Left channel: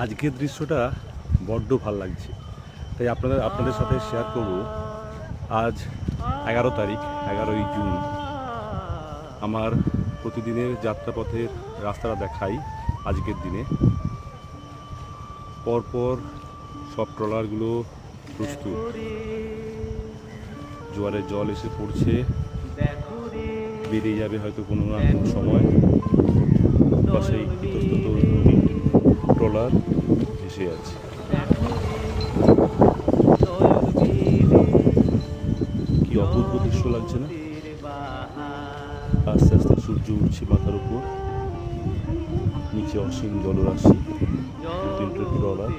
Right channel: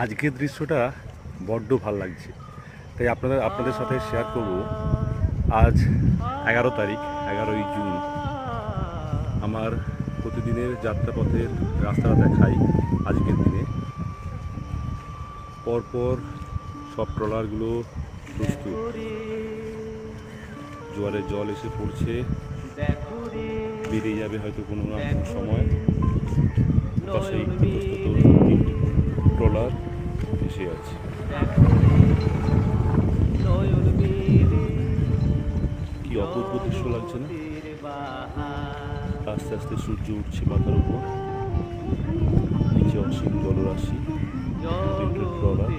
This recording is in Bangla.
আজকের দৃশ্যটা বড্ড ভাল লাগছে, তাই আপনাদের সাথে শেয়ার করব। আজ 11 তারিখ, 11ই জুন। আমার প্রতিদিনের যাত্রাপথের রাস্তাটা দেখাই। আজকের দিনে পরপর সব ট্রলারগুলো প্রস্তুত, জোয়ারের জল এসে পড়ছে, বেরিয়ে যাবে হয়তো কোনো না কোনো সময়। সেই ট্রলার এসে আছে। কি অপূর্ব দৃশ্য লাগছে না? আস্তে আস্তে সূর্য উঠছে মাথার উপর, নিচে অসীম জলরাশি, ট্রলার।